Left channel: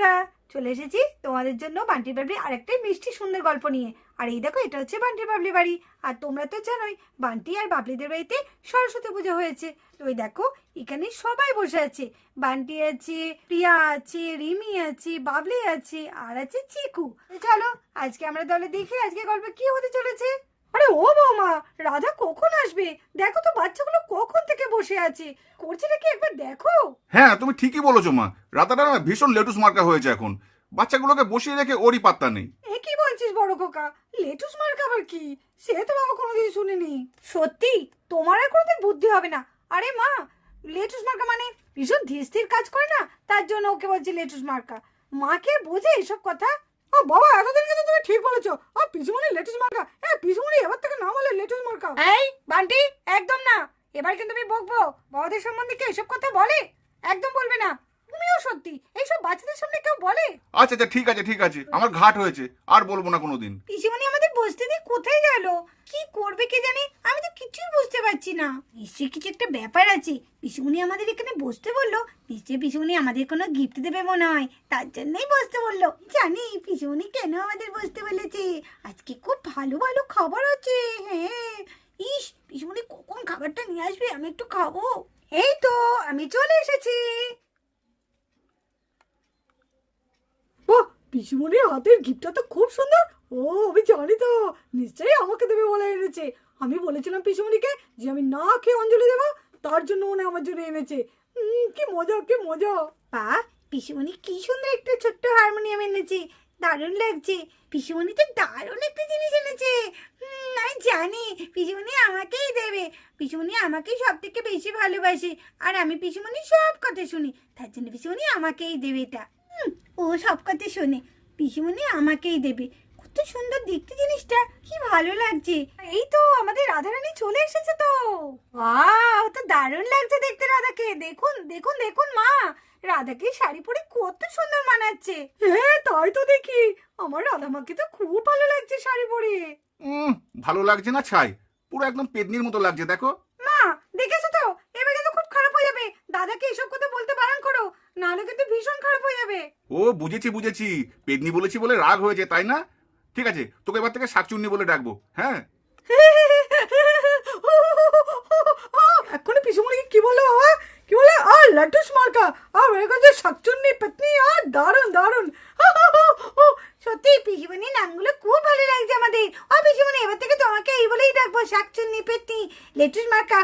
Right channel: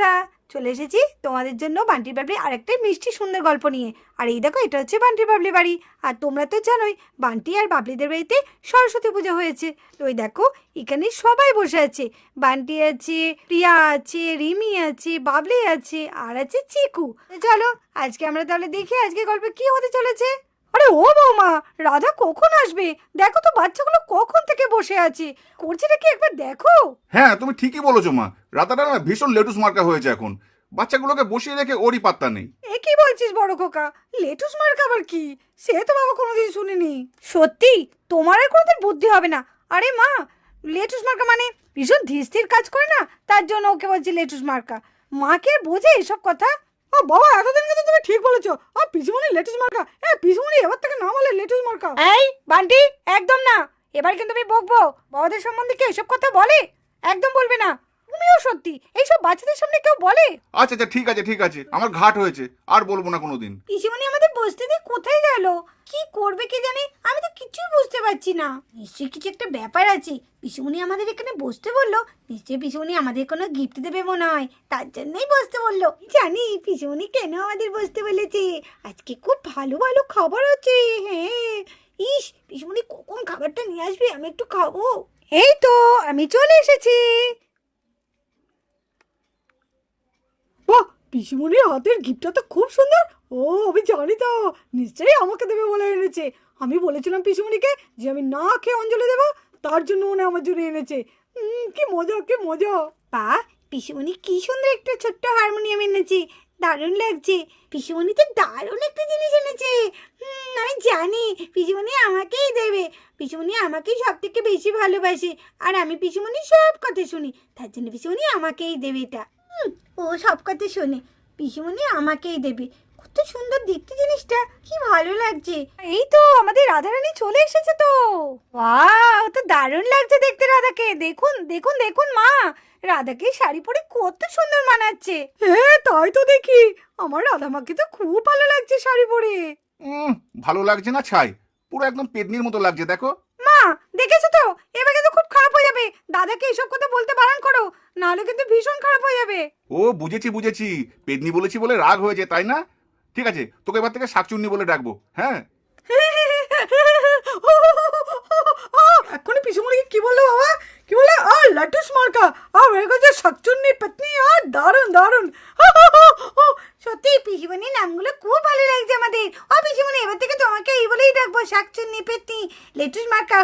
বন্ধুরা, চলে এসেছি তোমাদের জন্য বান্টির বাবলি আরেকটা মিষ্টি সুন্দর গল্প নিয়ে। আর এই দেখো, এটা হচ্ছে বান্টির বাবলি বাড়ি। আর তোমরা তো জানোই বান্টি আর বাবলিদের বাড়িতে সরস্বতী পুজো হয়েছে। তো ওই দেখো, এখানে সবাই বসে আছে। বান্টি আছে, প্রিয়া আছে, রিমি আছে, বাবলি আছে, আর আছে চিকু। চলো আজকে আমরা তাহলে দেখি আজকে গল্পে কি হতে চলেছে। আরে ও বৌমা, রাধা কখন আসবে? দেখো তো বাচ্চাগুলো কখন থেকে বসে আছে, করছে নাকি একবার দেখো। হ্যাঁ, তুমি ঠিকই বলেছো মা। রাতাটা না ভীষণ লেটুস মার্কা হয়েছে এখন। বাচ্চাগুলোকে বসিয়ে রেখে ওরই পাত্তা নেই। এ কি বলছিস বড় খোকা? লেটুস মার্কা আবার কি? সে তো বাবা কোনোদিন শুনিনি। সত্যি তোমার আর কোনোদিন বুদ্ধি হবে না। আরে মা, লেটুস মার্কা মানে ভীষণ ধীর স্থির কাজ করে না, তার জন্য ওকে বলছি লেটুস মার্কা। মা কে বোঝে এসব কথা? ও বাবা, এতদিন কিন্তু তুমি ঠিক বলেছো। আর পিসুমনি লেটুস মার্কা, পিসুমনি এবার থেকে নাম হলে লেটুস মার্কা। এই বান্টি, একদম না। এবার কিন্তু আমি বকবো। বাবাদের সম্বন্ধে কি এসব কথা বলে? একদম বলবে না। তুমিও সত্যি এইসব বাচ্চাদের সামনে কেউ বলে? আচ্ছা আচ্ছা, ঠিক আছে ঠিক আছে, আমার ঘাট হয়েছে, আর বলবো না কোনোদিন। পিসিমণি আমাদের বসতে দিয়ে কোথায় গেল? কি করবে কে জানে, আমি তো কিছুই বুঝতে পারছি না। নিশ্চয়ই কিছু একটা ব্যাপার আছে। পিসিমণি আমাদের এখানে বসতে বললো, নিশ্চয়ই পিসিমণি আমাদের কোনো গিফট দেবে মনে হয়, তার জন্যই বসতে বললো। জানি পিসিমণি কেন আমাদের বসতে বলেছে। আজকে খুব ভালো ভালো খাবার আছে। হ্যাঁ, ইস, পিসিমণি কখন খাবারটা নিয়ে আসবে, আমি একটু খাবো। এই তো আমি চলে এসেছি। বাহ, পিসিমণির হাতের গিফটটা তো খুব সুন্দর। ও, আমি জানি তো, নিশ্চয়ই আমাকে দেবে বলে এনেছে। আমি বলেছিলাম পিসিমণিকে যে আমি না খেয়ে অঞ্জলি দেবো, তার জন্য উনি আমার জন্য এনেছে। কি মজা, কি মজা। বা, পিসিমণি কি সুন্দর একটা ছোট্ট হারমোনিয়াম এনেছে, দারুণ লাগছে। পিসিমণি তো দারুণ একটা জিনিস এনেছে। আমি জানি পিসিমণি আমাকেই দেবে। পিসিমণি আমাকেই সব থেকে বেশি ভালোবাসে, আর আমি পিসিমণি সব কথা শুনি, তার জন্য পিসিমণি আমাকেই দেবে এটা। ও সব কথা শোনে, পিসিমণি আমাকেই দেবে। কত সুন্দর দেখতে জিনিসটা, কি ভালো লাগছে। এই তো আমাদের রাধারানী চলে এসেছে তো। ওয়াও, তো দারুণ লাগছে দেখতে রাধাকে। দেখুন দেখুন দেখুন মা, রাধাকে শাড়ি পরে কত সুন্দর মানাচ্ছে। হ্যাঁ তাই তো দেখি, আমার রাধা মাকে তো খুব ভালো লাগছে শাড়ি পরে। ভালো লাগছে না ছাই, পুরো একদম পেদনির মতো লাগছে দেখো। মা, দেখেছো তো, এবার কিন্তু খুব খারাপ হয়ে যাবে। দাদাকে এসব কথা বলতে বারণ করো, নাহলে কিন্তু ভীষণ খারাপ হয়ে যাবে। ও বুঝেছি বুঝেছি, পেদনি বলেছি বলে রাগ হয়েছে তাই না? ঠিক আছে, তোকে এবার থেকে শাকচুন্নি বলে ডাকবো। হ্যাঁ, এক্ষুনি পিসুমণিকে কি বললো বাবা? কি বলে? আর লেটুস মার্কা, আর হয়ে গেছে শাকচুন্নি পেতনি। আর দারুণ দারুণ। সত্যি পিসিমণি নামগুলো খুব ভালো লাগছে আমাদের। ও পিসিমণি, এবার থেকে তোমাকে এই বলেই ডাকবো, শাকচুন্নি পেতনি লেটুস মার্কা।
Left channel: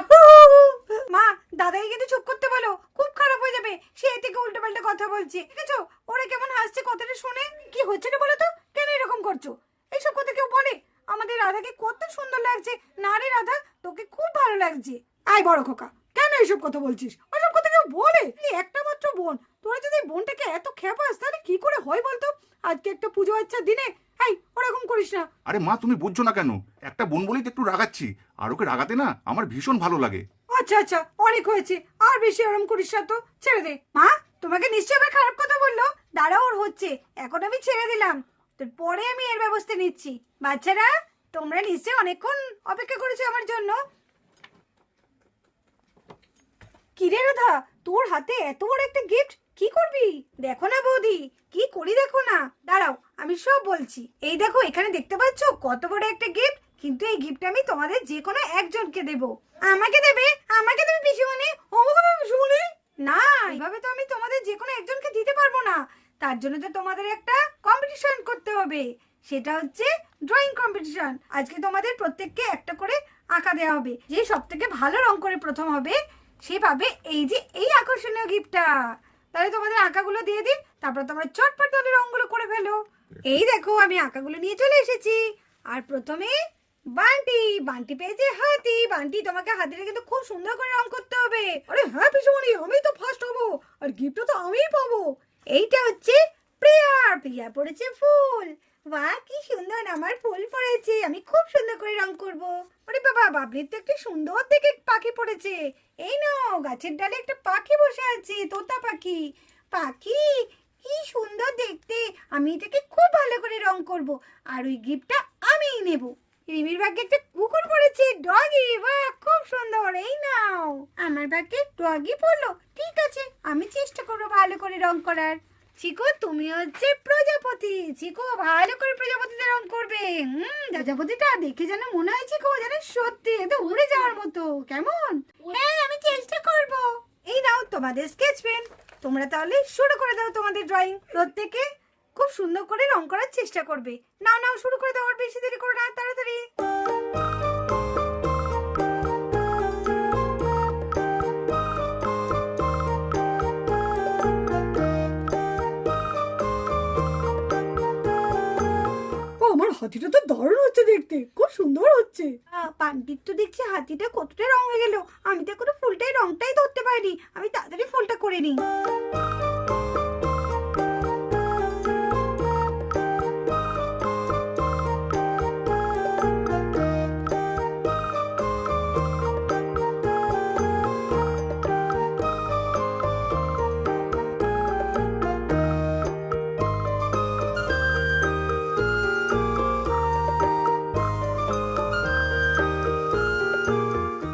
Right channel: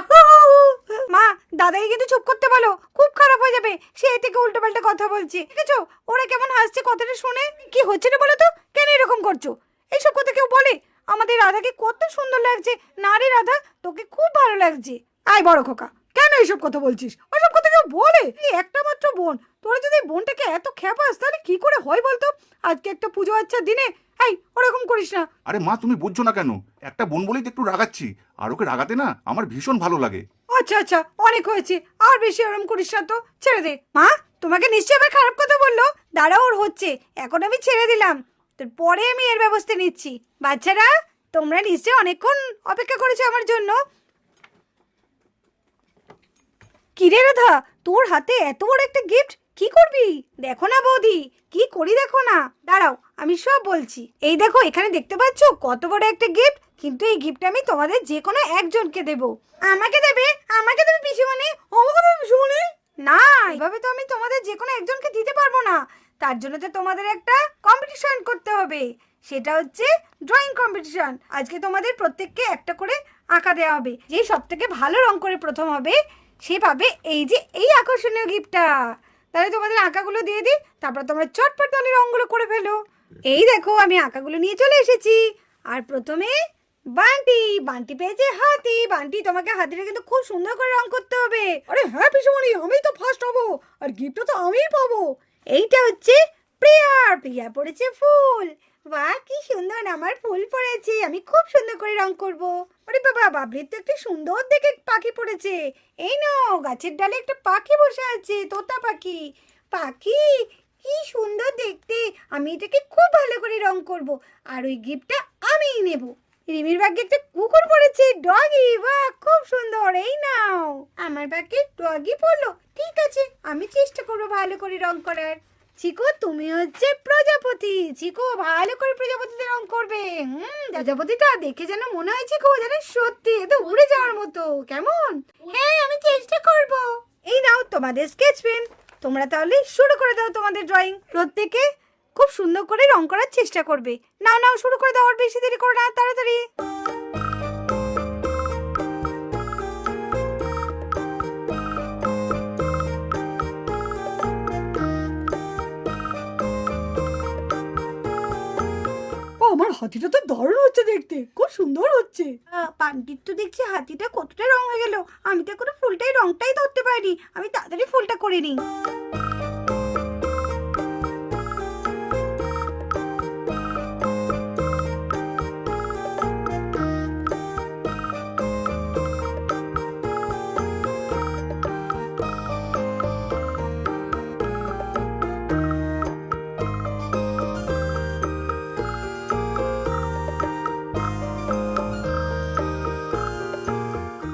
মা, দাদাকে কিন্তু চুপ করতে বলো, খুব খারাপ হয়ে যাবে। সে থেকে উল্টো পাল্টা কথা বলছে, দেখেছো ওরা কেমন হাসছে কথাটা শুনে। কি হচ্ছে না বলো তো, কেন এরকম করছো? এইসব কথা কেউ বলে? আমাদের রাধাকে কত সুন্দর লাগছে। না রে রাধা, তোকে খুব ভালো লাগছে। আয় বড় খোকা, কেন এইসব কথা বলছিস? ওইসব কথা কেউ বলে? এই একটা মাত্র বোন, তোরা যদি বোনটাকে এত খেপাস তাহলে কি করে হয় বলতো? আজকে একটা পুজো আচ্ছা দিনে, এই ওরকম করিস না। আরে মা তুমি বুঝছো না কেন? একটা বোন বলেই তো একটু রাগাচ্ছি, আর ওকে রাগাতে না আমার ভীষণ ভালো লাগে। আচ্ছা আচ্ছা, অনেক হয়েছে, আর বেশি ওরম করিস না তো, ছেড়ে দে। মা, তোমাকে নিশ্চয়ই আবার খারাপ কথা বললো। দাঁড়াও, ওর হচ্ছে, এখন আমি ছেড়ে দিলাম, পরে আমি এর ব্যবস্থা নিচ্ছি। বাচ্চারা, তোমরা নিশ্চয়ই অনেকক্ষণ অপেক্ষা করেছো আমার জন্য। কিরে রাধা, তোর হাতে এত বড় একটা গিফট, কি করবি? দেখো না বৌদি, কি করি দেখো না। দাঁড়াও, আমি সব বলছি। এই দেখো, এখানে দেখতে পাচ্ছ কত বড় একটা গিফট, কিন্তু এই গিফট আমি তোমাদের যে কোনো একজনকে দেব। আমাকে দেবে? আমাকে দেবে পিসিমণি? আমাকে দেবে পিসিমণি? না, এভাবে তো আমি তোমাদের যে কোনো একজনকে দিতে পারবো না। তার জন্য তো তোমাদের একটা কম্পিটিশন করতে হবে। সেটা হচ্ছে ড্রয়িং কম্পিটিশন। আজকে তোমাদের প্রত্যেককে একটা করে আঁকা দেওয়া হবে। যে সব থেকে ভালো রং করে প্রথম হবে, সে পাবে এই যে এই আকর্ষণীয় গিফটটা। তাহলে তোমাদের আঁকাগুলো দিয়ে দিই, তারপর তোমরা চটপট তাহলে রঙগুলো করে ফেলো। এই দেখো, আমি আঁকাগুলো নিয়ে চলে এসেছি। আর প্রথমে বান্টি, বান্টি পেয়েছে হাতি। বান্টি, তোমাকে হাতিটা কিন্তু খুব সুন্দর করে রং করতে হবে। আরে হ্যাঁ পিসুমণি, আমি তো ফার্স্ট হব, আর গিফটটা তো আমিই পাবো। এইটা হচ্ছে প্রিয়ার, প্রিয়া পড়েছে ফুল। বাহ, কি সুন্দর আমার ফুল পড়েছে, আমি খুব সুন্দর করে রং করব। আরে বাবা, বাবলির তো একটা সুন্দর দেখে পাখি পড়েছে। এই নাও, গাছের ডালে একটা পাখি বসে আছে, তোতা পাখি। পাখি, কি সুন্দর দেখতে, আমি এটাকে খুব ভালো করে রং করব, আর ওই গিফটটা আমিই নেব। রিমির ভাগ্যে একটা কুকুর পড়েছে, ডগি। বাহ, খুব সুন্দর। এই নাও, আমার ভাগ্যে ডগি পড়লো। ঠিক আছে, আমি চেষ্টা করবো ভালো করে রং করার। চিকু তুমি হচ্ছে প্রজাপতি। চিকু ভালো করে প্রজাপতিতে রং করবে। প্রজাপতিটা দেখে যেন মনে হয় চিকু যেন সত্যি এত উড়ে যাওয়ার মতো। কেমন? হ্যাঁ আমি চেষ্টা করব। এই নাও তোমাদের স্কেচ পেন। তোমরা তাহলে শুরু করে দাও তোমাদের ড্রয়িং। প্রত্যেকে খুব সুন্দর করে রং করার চেষ্টা করবে। নাও নাও শুরু করে দাও, আর বেশি দেরি করো না, তাড়াতাড়ি। আমার হাতিটা তো দারুণ হচ্ছে দেখতে, খুব সুন্দর হচ্ছে। পান্ডিত তো দেখছি হাতিটা কতটা রং হয়ে গেল। আমি তো এখনো ফুলটাই রংটাই ধরতে পারিনি। আমি তাড়াতাড়ি ফুলটা করে নিই।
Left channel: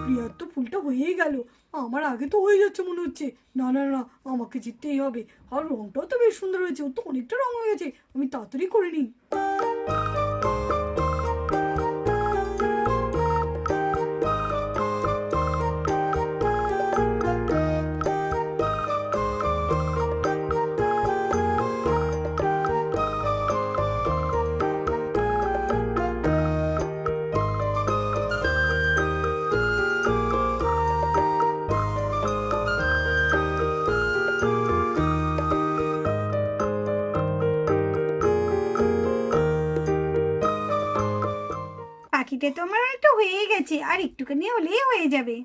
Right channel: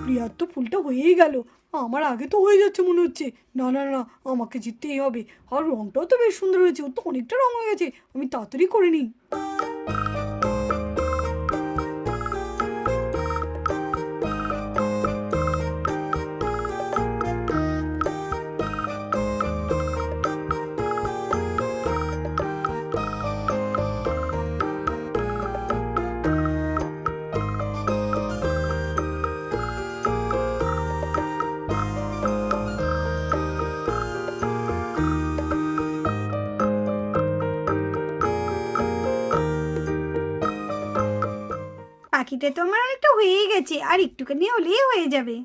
প্রিয়ার তো ফুলটা হয়েই গেল, আমার আগে তো হয়ে যাচ্ছে মনে হচ্ছে। না না না, আমাকে জিততেই হবে। আর রংটাও তো বেশ সুন্দর হয়েছে, ওর তো অনেকটা রং হয়ে গেছে, আমি তাড়াতাড়ি করে নিই। পাখিটা তো আমার অনেকটা হয়ে গেছে, আর একটুখানি হলেই হয়ে যাবে।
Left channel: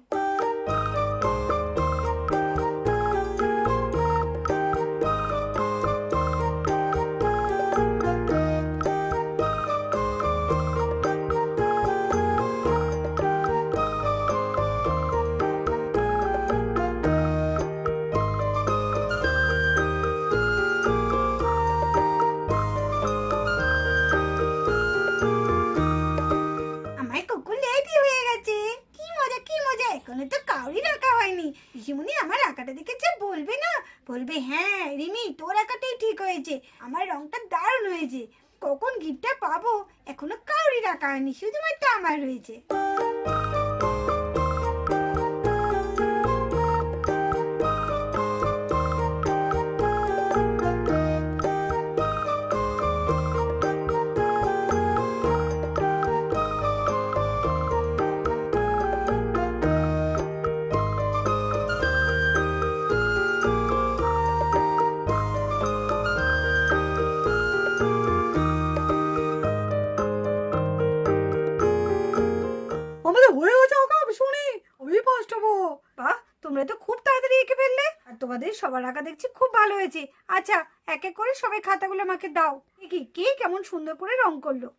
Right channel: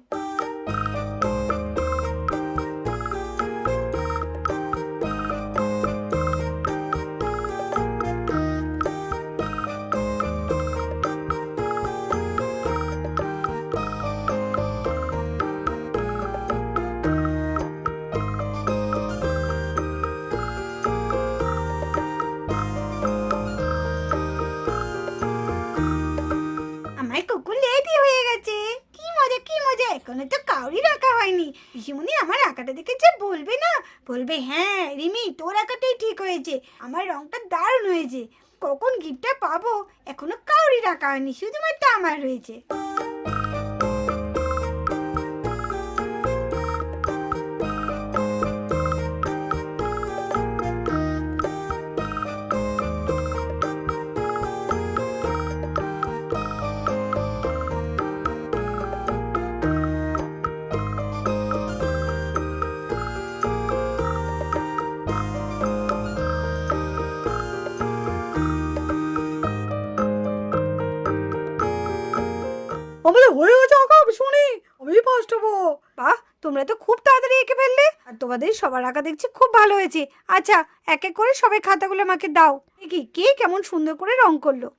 আমার কুকুর লেডি হয়ে গেছে। কি মজা কি মজা, এখনো তো কাউরি রাখা হয়নি। পিসিমণি আমার আঁকাটা দেখে যে বলবে না, বলবে হ্যাঁ রিমি তোর আঁকাটাই ঠিক হয়েছে, আমার রংটা দারুণ হয়েছে। কখন গিফটটা পাবো এখনো কাউরি রাখা হয়নি, শুধুমাত্র আমার হয়েছে। আমাদের হয়ে গেছে আঁকা, শুনি আমি ফার্স্ট হবো। বাহ, তোমরা তো খুব তাড়াতাড়ি এঁকে ফেললে। আর তোমাদের সবার আঁকা দেখছি খুব ভালো হয়েছে। আচ্ছা, এক এক করে সবাই খাতাগুলো আমাকে দাও, দেখি কে কেমন সুন্দর করে রং করলো।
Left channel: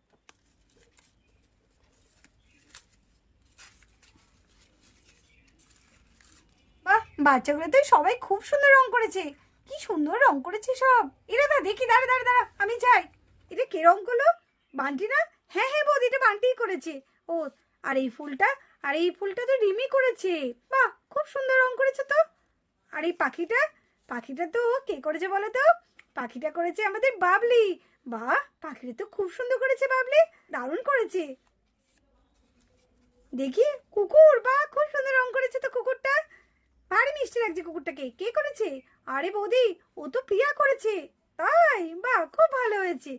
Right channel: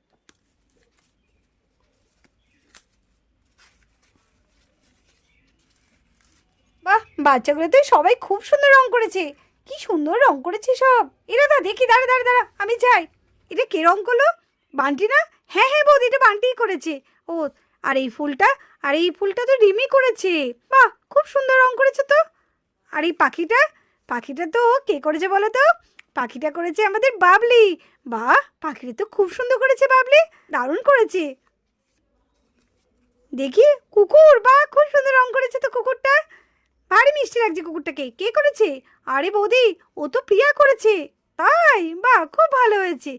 বাহ, বাচ্চাগুলো তো সবাই খুব সুন্দর রং করেছে। কি সুন্দর রং করেছে সব। এরা দা দেখি, দাঁড়া দাঁড়া দাঁড়া, আমি যাই। এটা কে রং করলো? বান্টি না? হ্যাঁ হ্যাঁ বৌদি, এটা বান্টিই করেছে। ও, আর এই ফুলটা, আর এই ফুলটা তো রিমি করেছে। বাহ, খুব সুন্দর রং করেছে তো। আর এই পাখিটা, পাখিটা তো কে করেছে বলো তো? পাখিটা করেছে আমাদের বাবলি। বাহ, পাখিটা তো খুব সুন্দর করেছে বাবলি, দারুণ করেছে। দেখি কুকুর, বাহ খুব সুন্দর রং করেছে তো কুকুরটা, ভারী মিষ্টি লাগছে কুকুরটাকে। কে করেছে? আরে বৌদি, ও তো প্রিয়া করেছে। তাই? বাহ, খুব ভালো হয়েছে।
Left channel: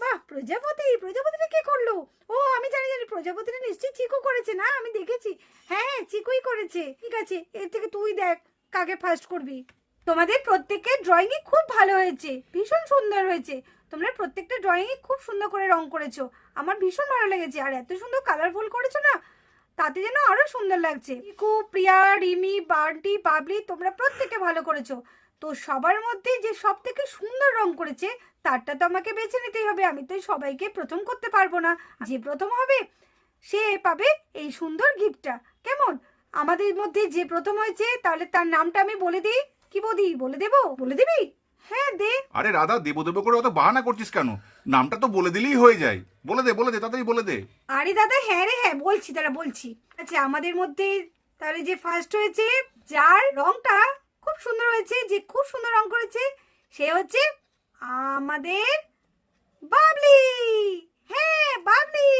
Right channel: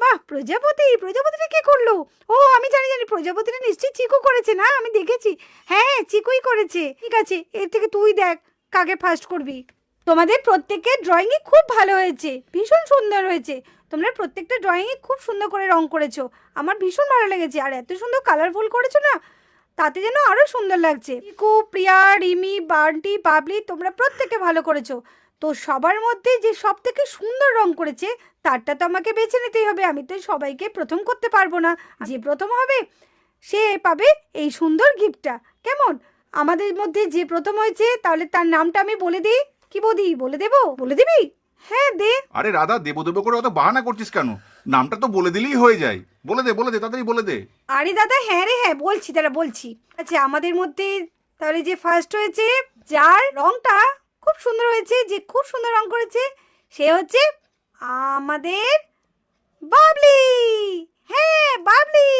বাহ, প্রজাপতি, প্রজাপতিটা কে করলো? ও আমি জানি জানি, প্রজাপতিটা নিশ্চয়ই চিকু করেছে না, আমি দেখেছি। হ্যাঁ চিকুই করেছে। ঠিক আছে, এর থেকে তুই দেখ কাকে ফার্স্ট করবি। তোমাদের প্রত্যেকের ড্রয়িংই খুব ভালো হয়েছে, ভীষণ সুন্দর হয়েছে। তোমরা প্রত্যেকটা ড্রয়িংয়ে খুব সুন্দর করে রং করেছো, আমার ভীষণ ভালো লেগেছে। আর এত সুন্দর কালারফুল করেছো না, তাতে যেন আরো সুন্দর লাগছে। চিকু, প্রিয়া, রিমি, বান্টি, বাবলি, তোমরা প্রত্যেকে ভালো করেছো। তো সবার মধ্যে যে সব থেকে সুন্দর রং করেছে তারটা তো আমাকে বেছে নিতেই হবে। আমি তো সবাইকে প্রথম করতে পারবো না, যে প্রথম হবে সে পাবে এই সুন্দর গিফটটা। কেমন? আমাদের মধ্যে যে প্রথম হয়েছে তাহলে তার নামটা আমি বলে দিই। কি বৌদি, বলে দেবো? বলে দিবি? হ্যাঁ দে। আরে রাধা, দেবো দেবো করে অত বাহানা করছিস কেন? নামটা তো বলে দিলেই হয়ে যায়। বলে দে বলে দে, তাড়াতাড়ি বলে দে। আরে দাদা হ্যাঁ রে হ্যাঁ, বলছি দাঁড়া বলছি। আচ্ছা, আমাদের মধ্যে তাহলে যে ফার্স্ট হয়েছে, যার রংটা খুব সুন্দর হয়েছে, যে খুব সুন্দর রং করেছে, সে হচ্ছে আমাদের বাবলি। হ্যাঁ বাবলি।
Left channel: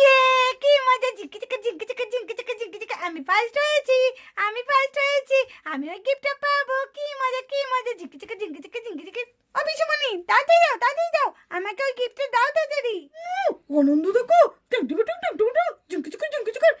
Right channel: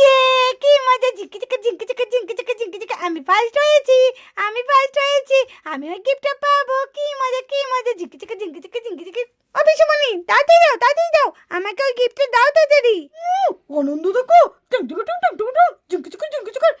ইয়ে কি মজা, ঝিঙ্কি চিকা ঝিঙ্কি চিকা ঝিঙ্কি চিকা ঝিঙ্কি চিকা, আমি ফার্স্ট হয়েছি, আমি ফার্স্ট হয়েছি, আমি ওই গিফটটা পাবো। কি মজা কি মজা, ঝিঙ্কি চিকা ঝিঙ্কি চিকা ঝিঙ্কি চিকা। অবিশমণি তাড়াতাড়ি দাও আমাকে ওই গিফটটা দাও তাড়াতাড়ি। আনন্দ দেখো, ঝিঙ্কি চিকুর ঝিঙ্কি চিকুর।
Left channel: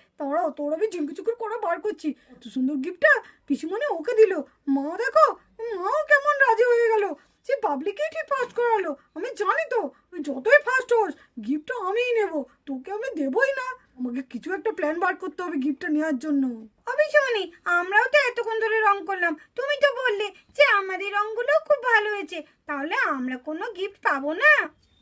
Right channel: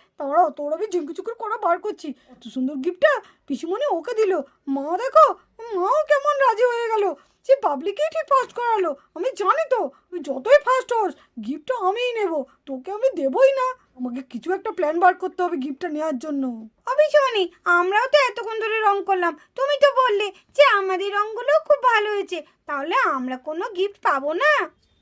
তোর আমি ঝিঙ্কি চিকুর করা বার করছি। এত সুন্দর গিফটটা পিসিমণি ওকে দিল। মা দেখো, মাও কেমন রাজি হয়ে গেল। সে বাবলিকেই ঠিক ফার্স্ট করালো। আমি জানি তো তুই যতই ফার্স্ট হোস গিফটটা আমিই নেব, তোকে আমি দেবই না। আমাকে কিছু একটা প্ল্যান বার করতে হবে গিফটটা নেওয়ার জন্য। অবিশমণি আমরাও তো এতক্ষণ ধরে রং করলাম, তুমি তো বললে যে আমাদের রংগুলো খুব ভালো হয়েছে, তাহলে আমরা কোনো গিফট পাবো না?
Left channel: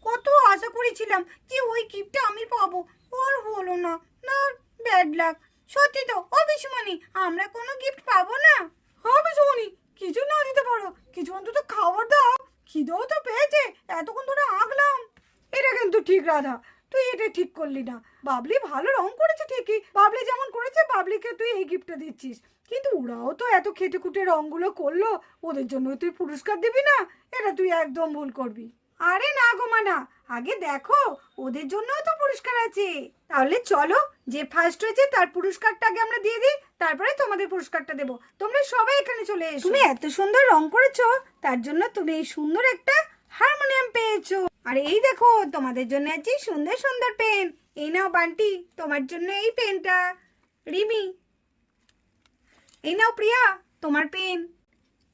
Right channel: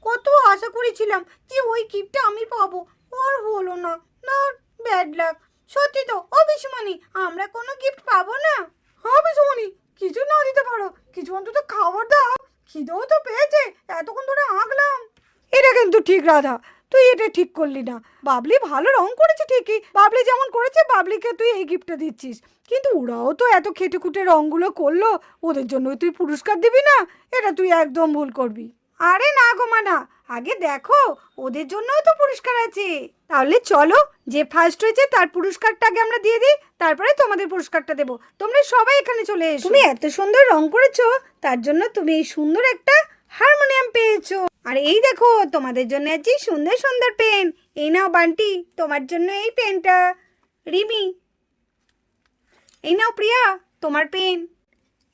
কত আশা করেছিলাম যে ওই গিফটটা আমি পাবো, আর হলো না। না, ব্যাড লাক। সত্যি তো অবিশমণি, আমরা কোনো গিফট পাবো না। হ্যাঁ পিসিমণি, কিছু না দিতে পারো, কিছু অন্তত খাবার দাও। খিদেও তো পেয়েছে, এতক্ষণ ধরে আঁকলাম। এটা কিন্তু ঠিক রাধা, তুই এটা ঠিক করলি না। বাবলি ভালো রং করেছে ঠিকই, বাবলি যেমন করেছে বাবলিকে তুই এই গিফটটা দিচ্ছিস, কিন্তু ওরাও তো এত খেটে খুঁটে রংগুলো করলো, ওদের জন্য তুই পুরস্কার দিবি না? এটা তুই একদম ভুল করবি। আরে না গো মানা, আগে দেখো ওদের জন্যও তো পুরস্কার আছে। তাহলে চলো, যে ফার্স্ট হয়েছে তার পুরস্কারটা আগে আমরা দিয়ে দিই, তারপরে তোমাদের পুরস্কারটা দেবো। তোমরা সবাই এখানে চলে এসো। তুমি এত সুন্দর রং করেছো, তার জন্য তুমি এই সুন্দর একটা হারমোনিয়াম পেয়েছো। আর এই দেখো তোমাদের জন্য আছে সুন্দর সুন্দর পেন। এই নাও বান্টি, তোমার জন্য এই পেনটা। রিমি, এই নাও প্রিয়া তোমার পেন।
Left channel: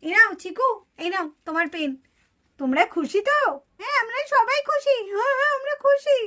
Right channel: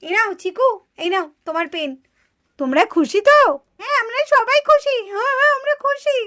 এই নাও চিকু, এই নাও তোমার পেন। তোমরা খুশি তো? হ্যাঁ আমরা সবাই খুশি। হ্যাঁ আমরা খুশি।